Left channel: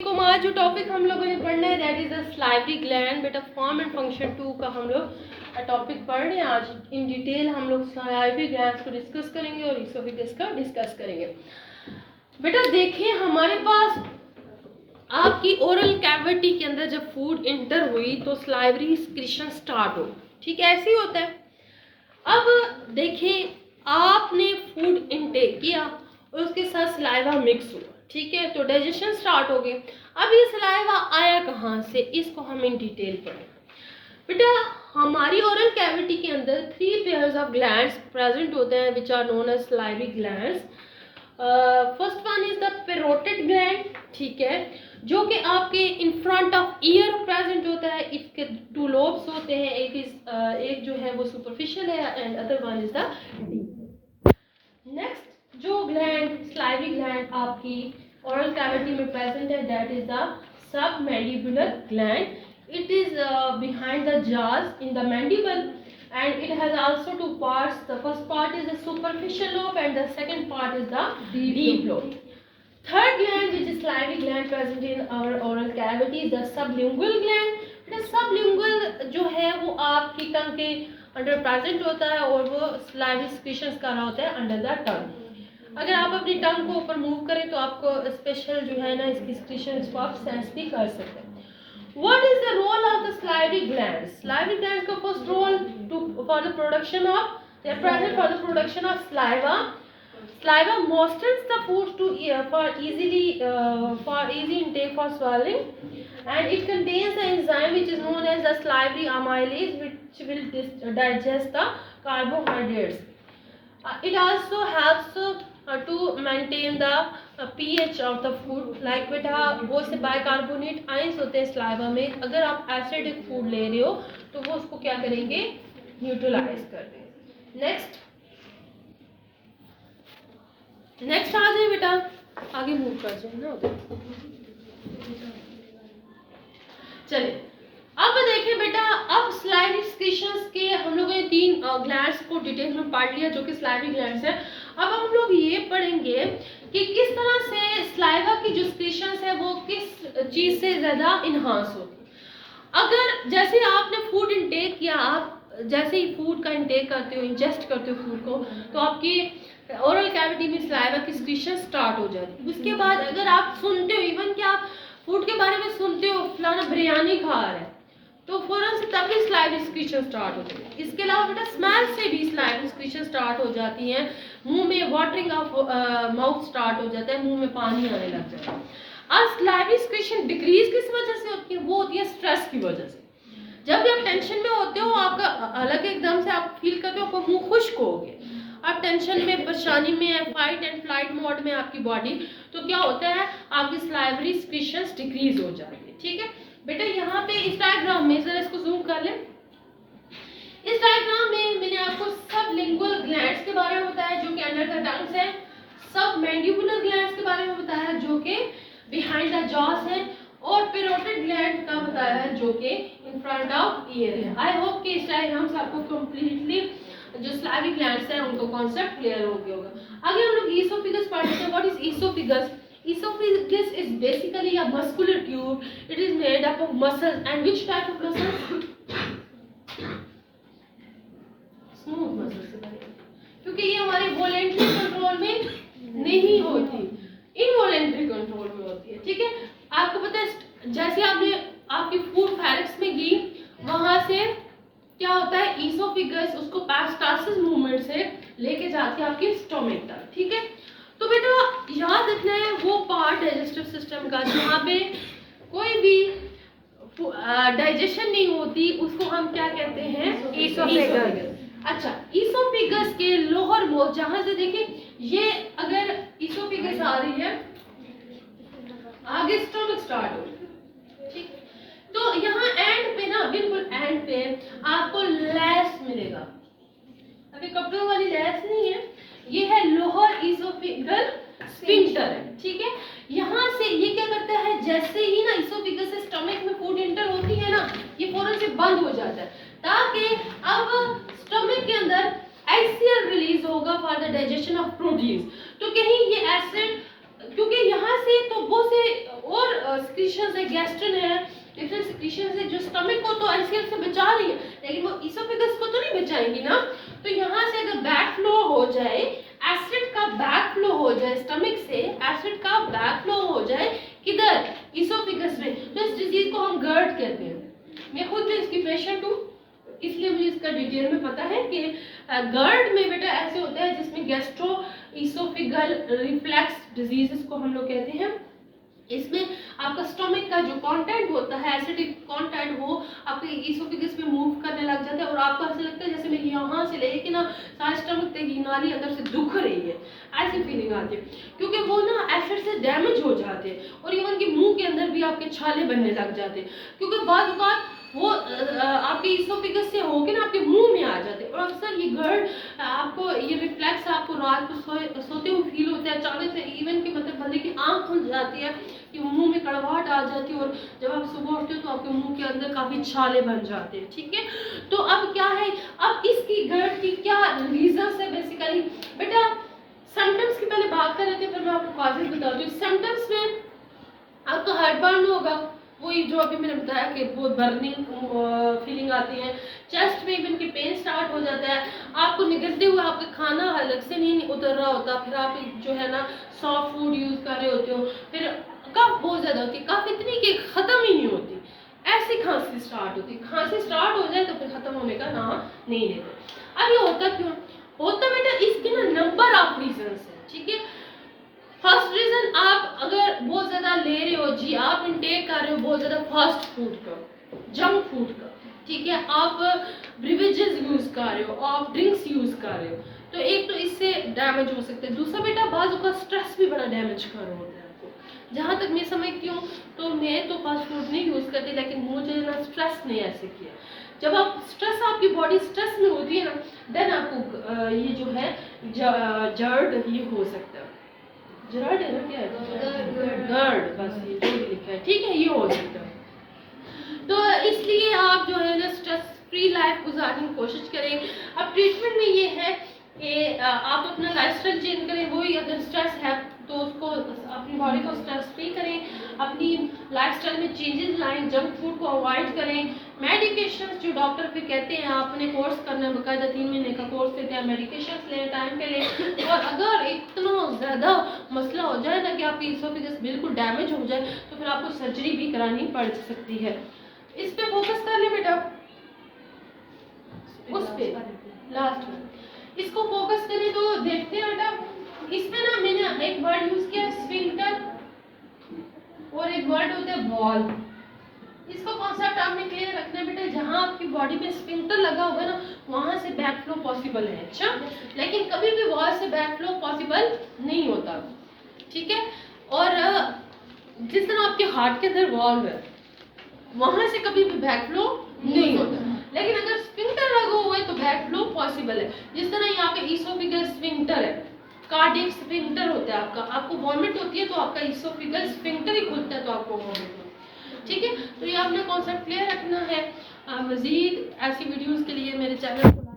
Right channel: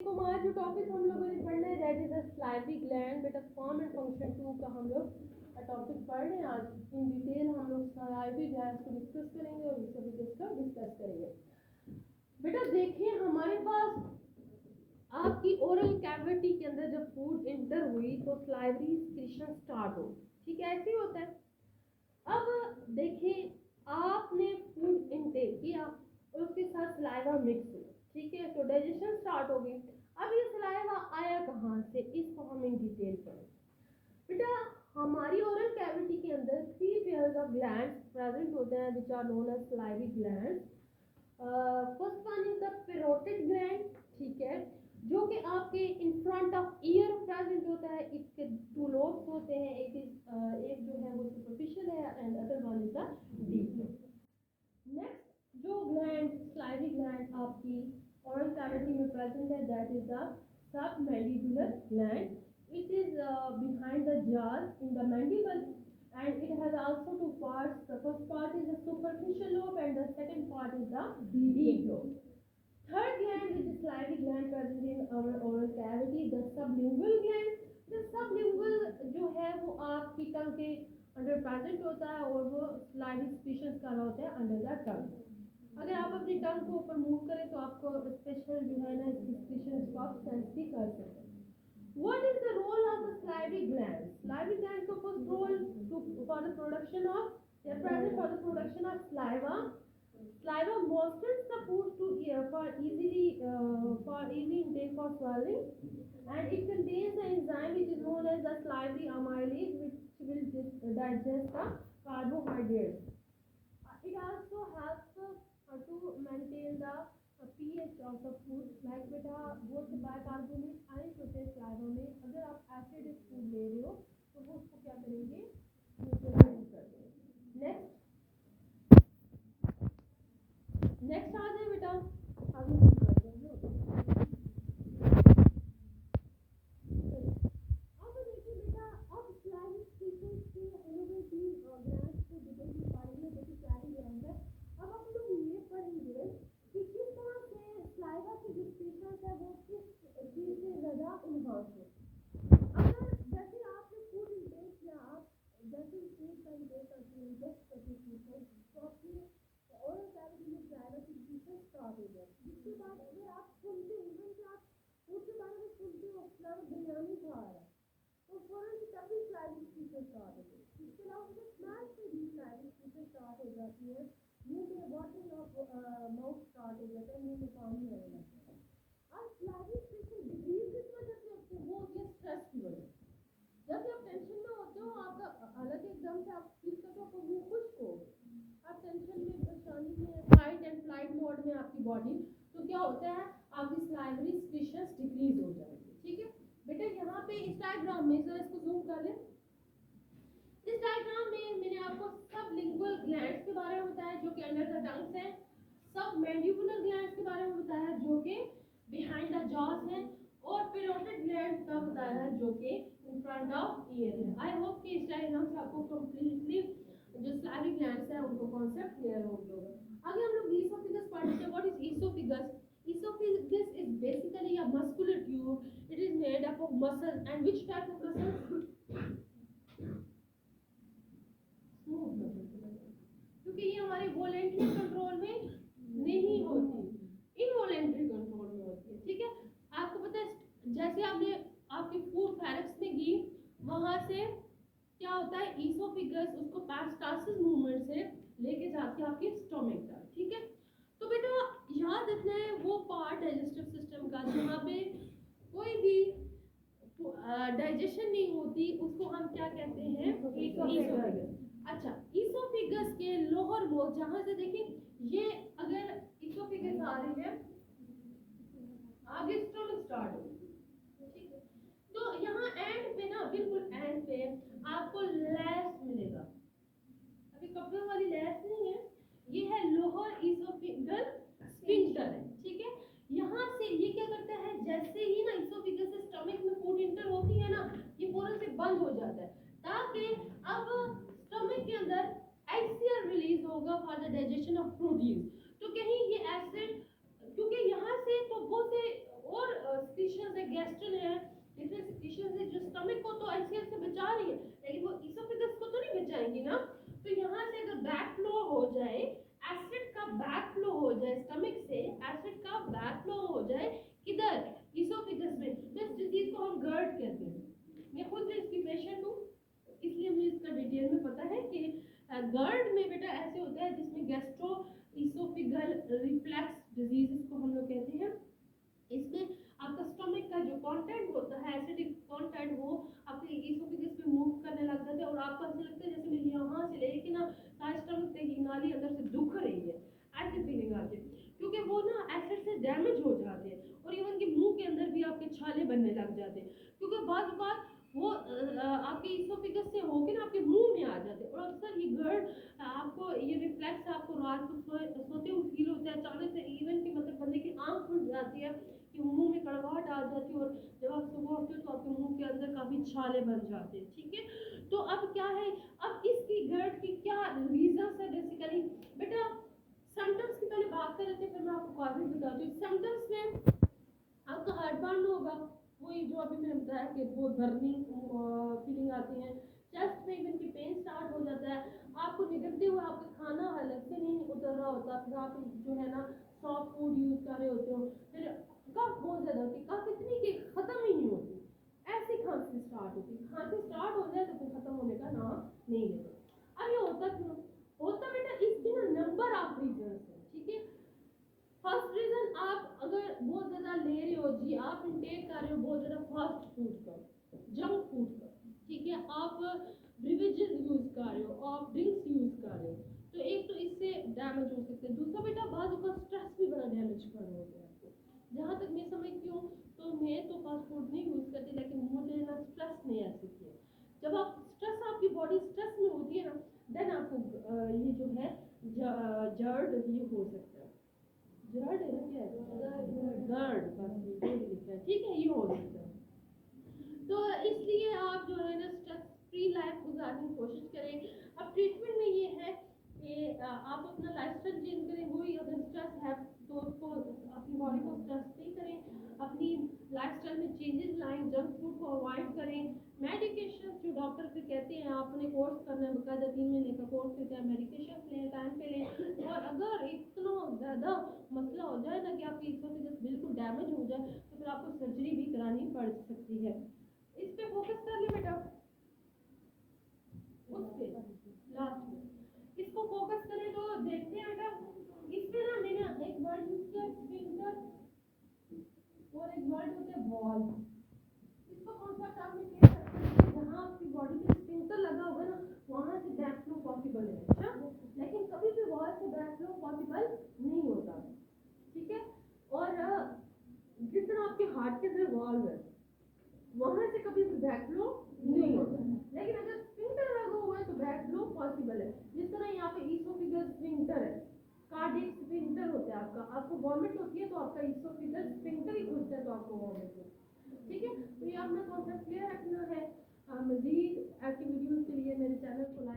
आज जो टॉपिक हम लोगों ने पढ़ना है that is the salivary gland. बेटा फॉर्म एंड फंक्शन 2 का हम लोग टॉपिक पढ़ रहे हैं। आज इन डिटेल हम लोग सलाइवरी ग्लैंड्स को डिस्कस करेंगे और इसोफेगस का डिस्कस करेंगे। बेटा देखिए हमारे पास आपकी ओरल कैविटी के अंदर जब फूड इंटर हुई तो सलाइवरी सिक्रीशन स्टार्ट हो, ठीक है, ऐसे ही होता है। अब देखिए आपने फूड इनटेक किया और उसके साथ सलाइवा मिक्स हुआ, ठीक है, तो डाइजेशन स्टार्ट हो गई। अब ये सलाइवा आया कहाँ से, इसको हम इन डिटेल पढ़ें। बेटा हमारी ओरल कैविटी के अंदर 3 पेयर्स ऑफ ग्लैंड्स प्रेजेंट होते हैं which are known as salivary glands. First one is the parotid gland, ठीक है, जो कि आपके in front of ear present होता है। इसके 2 लोब्स होते हैं, एक जो है वो सुपरफिशियल है and other one is the deep. Next जो ग्लैंड सलाइवरी ग्लैंड आपकी oral cavity में present है that is the submandibular gland. It is behind the jaws in the mandible and it has also 2 parts. The first part is the superficial lobe and the second part is the deep lobe. Third gland which is salivary gland present in our oral cavity is the sublingual gland. The sublingual जो है वो आपकी टंग के under present होता है और वो salivary secretions कर रहा होता है अंडर द टंग। अगर आप अपनी टंग को ऊपर मूव करें तो आपको स्पेशल जो है ना इसकी सिक्रीशंस को आप सेंस भी कर सकते हैं। What is the role of the salivary glands? Salivary glands का first role for the production of they are present for the production of saliva. Saliva moistens the food to for easy intake for swallowing, and it contains the enzyme which is known as the salivary amylase which will digest the carbohydrates. It also helps to maintain the pH of the food. Like बेटा वो से bicarbonate ions होते हैं saliva में, अगर आप acidic food ले रहे हो तो वो उसको क्या करेंगे, न्यूट्रलाइज कर देंगे। नेक्स्ट आ जाए बेटा, आगे मूव कर जाए ना उधर। चलिए अब देखिए बेटा, अब सलाइवरी सिक्रीशंस के हम लोगों ने 3 ग्लैंड्स को डिटेल में पढ़ लिया जो कि सलाइवरी ग्लैंड्स है। अब हम लोग ये पढ़ेंगे कि किस तरह से सलाइवा की जो सिक्रीशंस है वो किस चीज से ज्यादा इनहांस होती। अगर जैसे आपने फूड इंटेक किया, आप जैसे ही फूड का इंटेक करते हो, इंजेस्ट करते हो फूड को, तो आपकी ओरल कैविटी में सलाइवा की सिक्रीशन स्टार्ट हो जाती है। उसके बाद अगर आप सुनते हो, इवन कि आप फूड के बारे में सुनते हो फलाना बिरयानी खा रहा है, तो फौरन से तभी सलाइवरी सिक्रीशन स्टार्ट होती है। इसके अलावा बेटा स्मेल से भी सलाइवरी सिक्रीशन स्टार्ट हो जाती है, मुंह में वाटरिंग ऑफ माउथ स्टार्ट हो जाता है, मुंह में पानी आने लग जाता है। अब सलाइवरी सिक्रीशन डिक्रीज किस वजह से होती है, वो होती है स्ट्रेस की वजह से। जब भी आप टेंशन में होते हो, आपका अलग एकदम से आप फील करते हो आपका मुंह खुश्क हो गया, आप टेंशन में, परेशानी में है, फाइट एंड फ्लाइट मोड में आपकी बॉडी, तो क्या होता है आपकी सलाइवरी सिक्रीशंस डिक्रीज हो जाती है। ठीक है बेटा, यहाँ पे इस डायग्राम में जरा इसको जूम कर लें। इस डायग्राम में मैंने आपको सबलिंगुअल ग्लैंड्स के बारे में बताया जो कि अंडर द टंग्स है, सबमैंडिबुलर ग्लैंड्स के बारे में बताया जो कि बिहाइंड द जॉस है, और पेरोटिड ग्लैंड का बताया है जो कि इन फ्रंट ऑफ ईयर है। आई होप कि इस डायग्राम से आपको कंप्लीटली जो सलाइवरी ग्लैंड्स हैं उनको कॉन्सेप्ट क्लियर हो गया होगा। आगे हम लोग ईसोफेगस पढ़ते हैं। What is oesophagus? Esophagus is basically a muscular tube. It is made up of muscles. And which type of muscles? Smooth muscles. क्योंकि ये हमारे वॉलेंट्री कंट्रोल में नहीं होती, इनवॉलेंट्री कंट्रोल में होती है। ठीक है, आपको पता है जैसे आपने आपकी फूड फैरिक्स में गई, वहां से क्या होता है, ईसोफेगस उसको पेरिस्टालसिस मूवमेंट से लेके जाती है आपके स्टोमक तक। ठीक है, तो बेटा याद रखना है वो पार्ट डाइजेस्टिव सिस्टम का जहाँ पे कोई भी डाइजेशन नहीं होती उसको हम क्या कहते हैं, ईसोफेगस। अच्छा, ईसोफेगस के लोअर मोस्ट, जहाँ से देखिए ये अगर ईसोफेगस आ रही है, आगे स्टोमक स्टार्ट हो, ठीक, तो यहाँ एंड पे ना, बिल्कुल एंड पे आपको लैस मिलेगा। अभी कपड़ों वाली लैस नहीं है, ये है लोअर ईसोफेगल स्फिंक्टर है। ठीक है, यहाँ से ये क्या करता है, जैसे ही ना ईसोफेगस से स्टमक में फूड एंटर होती है ना, ये फौरन से बंद हो जाता है ताकि अब स्टमक के अंदर HCl रिलीज होगा for the digestion of proteins. तो कहीं ये एसिड, क्योंकि यहाँ से तो वो से और सिक्रीशंस है, गैस्ट्रिन है, डिफरेंट सिक्रीशंस है जो स्टमक को तो एलसीएल से बचा रही है, लेकिन वो इसोफेगस को तो नहीं बचाएंगी ना। तो यहाँ से अगर बैक फ्लो हो जाए, एसिड का बैक फ्लो हो जाए, स्टमक से एसिड का बैक फ्लो हो जाए किधर, इसोफेगस में, तो इस डिजीज को हम गर्ड कहते हैं। मैं खुद भी इसकी पेशेंट हूँ, इसलिए मुझे इसका डिटेल में पता है कि गर्ड में बेटा ऐसे होता है जिसमें गैस्ट्रो इसोफिगल रिफ्लेक्स डिजीजेस को हम लोग कहते हैं। इसमें आपका स्टमक का जो कंटेंट होता है, एसिडिक कंटेंट, वो आपके इसोफिगस में मूव करने लग जाता है और आपको ऐसा लगता है जैसे मेरी यहाँ से लेके ना सारे स्टमक तक की नाली अंदर से दुख रही है, ऐसी फीलिंग आती है, क्योंकि वो ना एसिड से डैमेज हो जाते हैं और इवन कि मुंह के अंदर भी आपके छाले बनने लग जाते हैं, क्योंकि बाद बात वो आपके इसोफिगस से होके ना आपके मुंह में आ जाते हैं। और अक्सर ये गर्ड आपको, ये रिफ्लेक्स आपको रात को सोते हुए फील होता है अचानक से, इवन कि मतलब बंदे की आंख खुल जाती है कि मुंह में कड़वाहट आ जाती है और जब आप सुबह उठते हो तो आपके मुंह के अंदर काफी छाले बन जाते हैं। ठीक है, तो अब क्या है, अब इसकी गर्ड की क्या रीजंस है बेसिकली बेटा। सिम्टम्स की पहले बात कर रहे थे, फिर मैं आपको कॉजेज बताती हूँ। सिम्टम्स में आपको हार्टबर्न होगा, वही जो अभी मैंने बताया कि बहुत बर्निंग फीलिंग आती है, चेस्ट में इवन के पेन स्टार्ट हो जाता है, आपको निगलते हुए आपका खाना अलग से नहीं उतर रहा होता, फिर आप जो है ना सॉफ्ट फूड यूज कर रहे होते हो, फिर कफ बहुत ज्यादा होती है, कफ इतनी कि खत्म ही नहीं होती, ऐसी खांसी स्टार्ट होती है, खांसी स्टार्ट हो जाए तो फिर खत्म होने का नाम नहीं लेते। अब ये होता क्यों होता बेटा, इसके ना नंबर ऑफ रीजंस है। ठीक है, फर्स्ट रीजन, आप अगर बहुत ज्यादा ले रहे हो जी, आप इनटेक कर रहे हो बहुत ज्यादा फास्ट फूड का, जंक फूड का, ठीक है, आप ब्रिवेजेस यूज कर रहे हो, आप ड्रिंक्स यूज कर रहे हो, तो एक तो इससे डैमेज हो सकता है। दूसरा बेटा, बाजू का स्ट्रेस भी बड़ा डैमेज कर रहा होता है आपको। जहाँ तक मैं समझती हूँ तो मैं तो फास्ट फूड नहीं यूज करती, लेकिन मुझे ना स्ट्रेस ने ऐसे किया। जब आप स्ट्रेस, आपकी बॉडी स्ट्रेस में होती है ना, देन आपको ये जो है जर्ड ये हो सकता है, जर्ड है ना, क्या है गर्ड, बस ये जो भी लिखा है, ठीक है, ये हो सकता है। तो इसलिए आप जो है ना स्ट्रेस फ्री लाइफ गुजारने की कोशिश करें। अब ट्रीटमेंट में ये है कि आप अपना लाइफस्टाइल चेंज करें, वही अगर स्ट्रेस है तो उसको, अपनी बॉडी को स्ट्रेस फ्री करें, अपनी लाइफस्टाइल में चेंजेस लाएं, जंक फूड को अवॉइड करें, मेडिकेशंस जो डॉक्टर पे कहते हैं आपने कोर्स करना है, बाकायदा 3 महीने का कोर्स देते हैं, मेडिकेशंस लें टाइम पे लें। और अगर इतना ज़्यादा मसला हो जाए ना कि आपकी इसोफेगस बिल्कुल डैमेज हो जाए तो फिर आपको सर्जरी भी करानी पड़ सकती है। इस पे फोकस कर ले बेटा, उस पे लास्ट में इसको फोकस करें तो देखते हैं बेटा, इसमें ना मैंने एक वर्ड यूज किया स्फिंक्टर और एक वर्ड होता है वॉल। इसको कॉन्सेप्ट आपने क्लियर रखना है बेटा, जहां आपकी बॉडी पे स्फिंक्टर लगा होगा ना वहां से बैक फ्लो पॉसिबल है। अच्छा, लेकिन कभी भी वॉल से बैक फ्लो पॉसिबल नहीं होता। ठीक है, और जिस तरह आपके हार्ट के अंदर वॉल्व है वहां से कभी भी बैक फ्लो नहीं होता, लेकिन अगर स्फिंक्टर लगा हुआ है तो बैक फ्लो पॉसिबल है। जिस तरह यहाँ पे इसोफिगस स्फिंक्टर है, कार्डियक स्फिंक्टर होता है आपका, आपको वॉमिट होती है तो आपका इसोफिगस स्फिंक्टर ही खुलता है तो आपको वॉमिट होती है। ठीक है, तो ये आपने कॉन्सेप्ट क्लियर रखना है। मजीद ऐसी वीडियोस के लिए मेरे चैनल को